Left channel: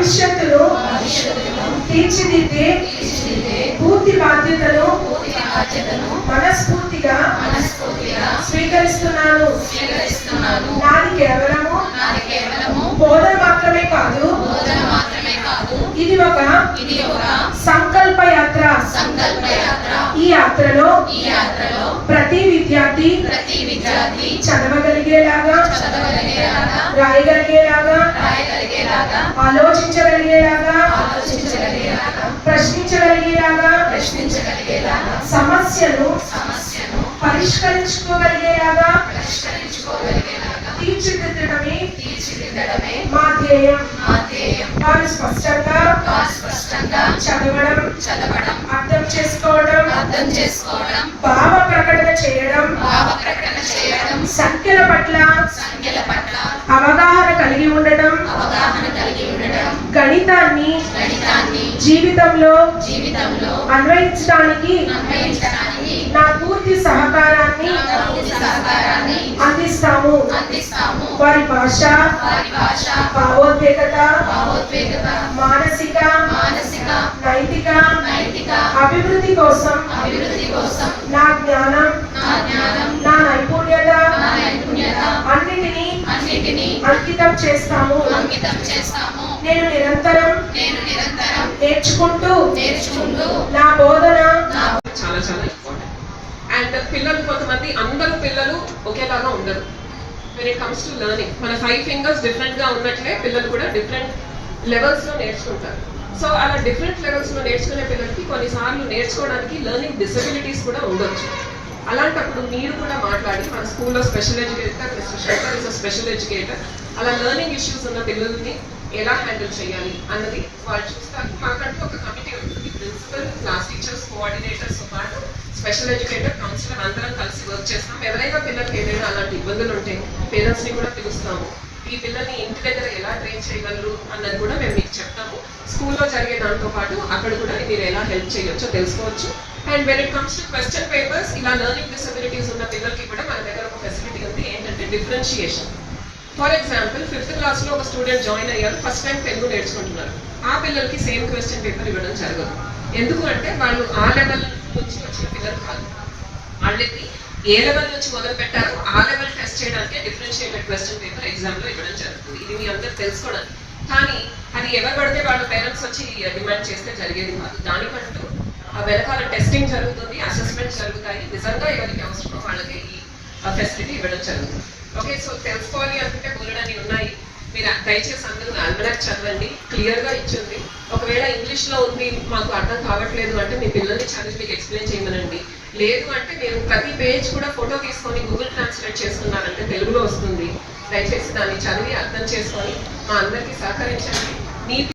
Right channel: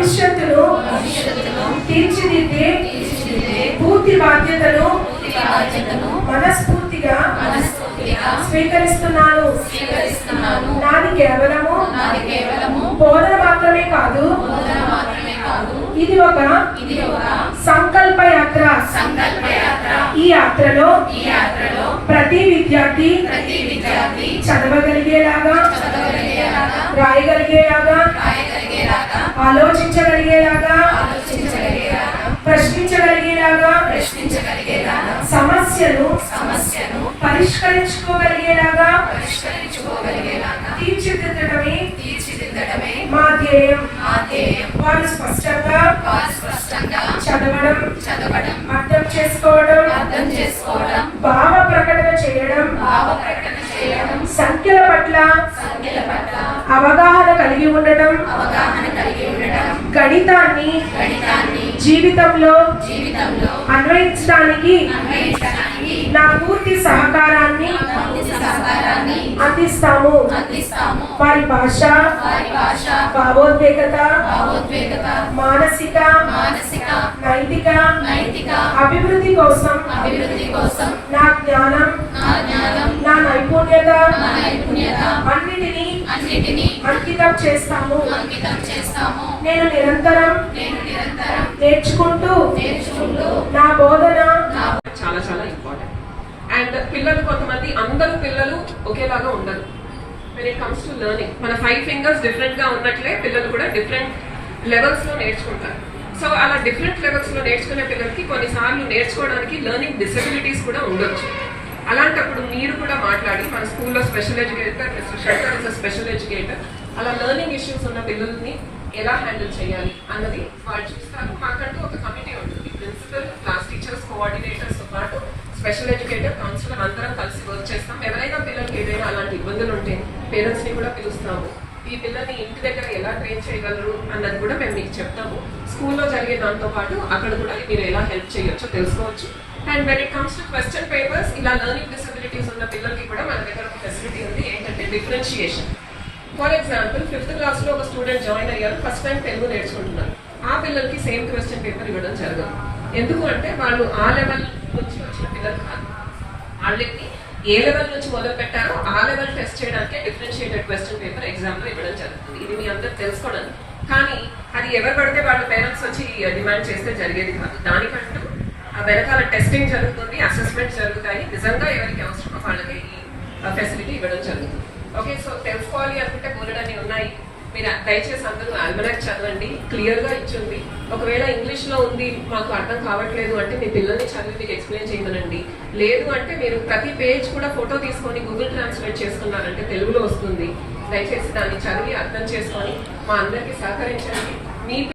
భవిష్యత్తును తీర్చిదిద్దే పూర్తి బాధ్యతను మనస్ఫూర్తిగా స్వీకరిస్తున్నాను. నాది కేవలము బోధన మాత్రమే కాదు, ఇది ఒక సంకల్ప యాత్ర. ఈ యాత్రలో ప్రతి విద్యార్థి చదవగలిగేలాగా, రాయగలిగేలాగా, ఆలోచించగలిగేలాగా, ప్రశ్నించగలిగేలాగా, సమస్యను పరిష్కరించుకోగలిగేలాగా తీర్చిదిద్దడమే మా ధ్యేయం. వారు స్పష్టంగా చదవడం, అర్థం చేసుకోవడం, భావ ప్రకటన చేయడం, సంఖ్యల పట్ల అవగాహన కలిగి ఉండడం, గణితాన్ని జీవితంలో అన్వయించడానికి నా పూర్తి సహకారాన్ని అందిస్తాము. వారి భాష, భావోద్వేగత, మానసిక, నైతిక అభివృద్ధి కోసం నా జ్ఞానం, నా నైపుణ్యత అన్నిటినీ అంకితం చేస్తాము. నేను నిరంతరం నేర్చుకుంటూ నా బోధన చాలా చాలా ఇంపార్టెంట్. అండ్ పిల్లలు కొంతమంది, అందరూ పిల్లలు ఒకేలాగా ఉండరు. When it comes to learning, మన 5 ఫింగర్స్ డిఫరెంట్ గా ఉన్నట్లే పిల్లలు కూడా డిఫరెంట్ లెవెల్స్ లో నేర్చుకుంటారు. సో అలా డిఫరెంట్ లెవెల్స్ లో నేర్చుకునే పిల్లలకి కొన్నిసార్లు నేర్చుకోవడానికి లెర్నింగ్ డిసెబిలిటీస్ కూడా ఉండొచ్చు. అలాంటప్పుడు మీరు కూడా మాట్లాడి, మన స్కూల్లో special educator, shelter is special educator, అలా లెర్నింగ్ ఇష్యూస్ ఉన్న పిల్లల్ని ఎలా హ్యాండిల్ చేయాలి అన్నది వాళ్ళు చూస్తారు. మాకంటూ ఒక కమిటీ ఉంటుంది, ప్రిన్సిపల్, క్లాస్ టీచర్స్, కోఆర్డినేటర్స్ పాటు స్పెషల్ ఎడ్యుకేటర్, కౌన్సిలర్ అందరం కలిసి వర్క్ చేస్తాం. ఎవరైనా పిల్లలకి ఏదైనా అలాంటి ఇబ్బందులు ఉంటే పేరెంట్స్ ని కూడా పిలుస్తాము. ఈ పిల్లల్ని ఇంటి దగ్గర ఎలా ట్రైన్ చేయగలరు అన్నది కూడా మేము మీకు చెప్తాము. స్కూల్లో జరిగే దాంతో పాటు అక్కడ కూడా మీరు ఎలా హెల్ప్ చేయొచ్చో తెలుసుకోవచ్చు. And when it comes to question papers, ఇలా లెర్నింగ్ డిసబిలిటీస్ ఉన్న పిల్లలకి కూడా మన దగ్గర ఒక ఫెసిలిటీ ఉంది, ఏంటంటే డిఫరెన్షియేషన్. ఫర్ ఎగ్జాంపుల్ 5th క్లాస్లో ఒక స్టూడెంట్ జాయిన్ అయ్యారు, ఫస్ట్ టైం తెలుగు నేర్చుకుంటున్నారు. ఆ పిల్లలకి సేమ్ క్వశ్చన్ పేపర్ ఇవ్వడం జరగదు. ఎందుకు అంటే వాళ్ళు ఆ లెవెల్ నుంచి వచ్చిన పిల్లలు కాదు. వాళ్ళకి ఏ లెవెల్ నుంచి మొదలు పెట్టారో ఆ లెవెల్ టెస్ట్ చేయడానికి డిఫరెన్షియేటెడ్ క్వశ్చన్ పేపర్ ఎగ్జామ్లో ఇవ్వడం జరుగుతుంది. ఇది మీ అందరూ తెలుసుకోవడానికి. కానీ అది ఎవరు పడితే వాళ్ళ పేరెంట్స్ వచ్చి డిమాండ్ చేస్తే జరిగేది కాదు. దానికంటూ వెనకాల టెస్టింగ్ జరుగుతుంది, అసెస్మెంట్ జరుగుతాయి. నిజంగా ఎవరికి అవసరమో వాళ్ళకి ఈ ఫెసిలిటీ ఇవ్వడం జరుగుతుంది. ఓకే, సో తెలుసుకోవాలి అనుకుంటే బోలెడన్ని ఉన్నాయి. మీరు దయచేసి అందరూ ఆల్మనాక్ చదవండి, క్లియర్గా ఇచ్చింది. ఒకవేళ ఇంగ్లీష్లో ఉంది, మాకు అర్థం కావట్లేదు అంటే మీ పిల్లల్ని చదివి మీకు ఎక్స్ప్లెయిన్ చేయమనండి. లేదు అంటే మీరు ప్రతి పేజ్ కూడా ఫోటో తీసుకొని గూగుల్ ట్రాన్స్లేట్ చేసుకున్నారంటే తెలుగులో వస్తుంది. దయచేసి దాన్ని చదివి అర్థం చేసుకొని మా అందరికీ సహకరించండి. మీ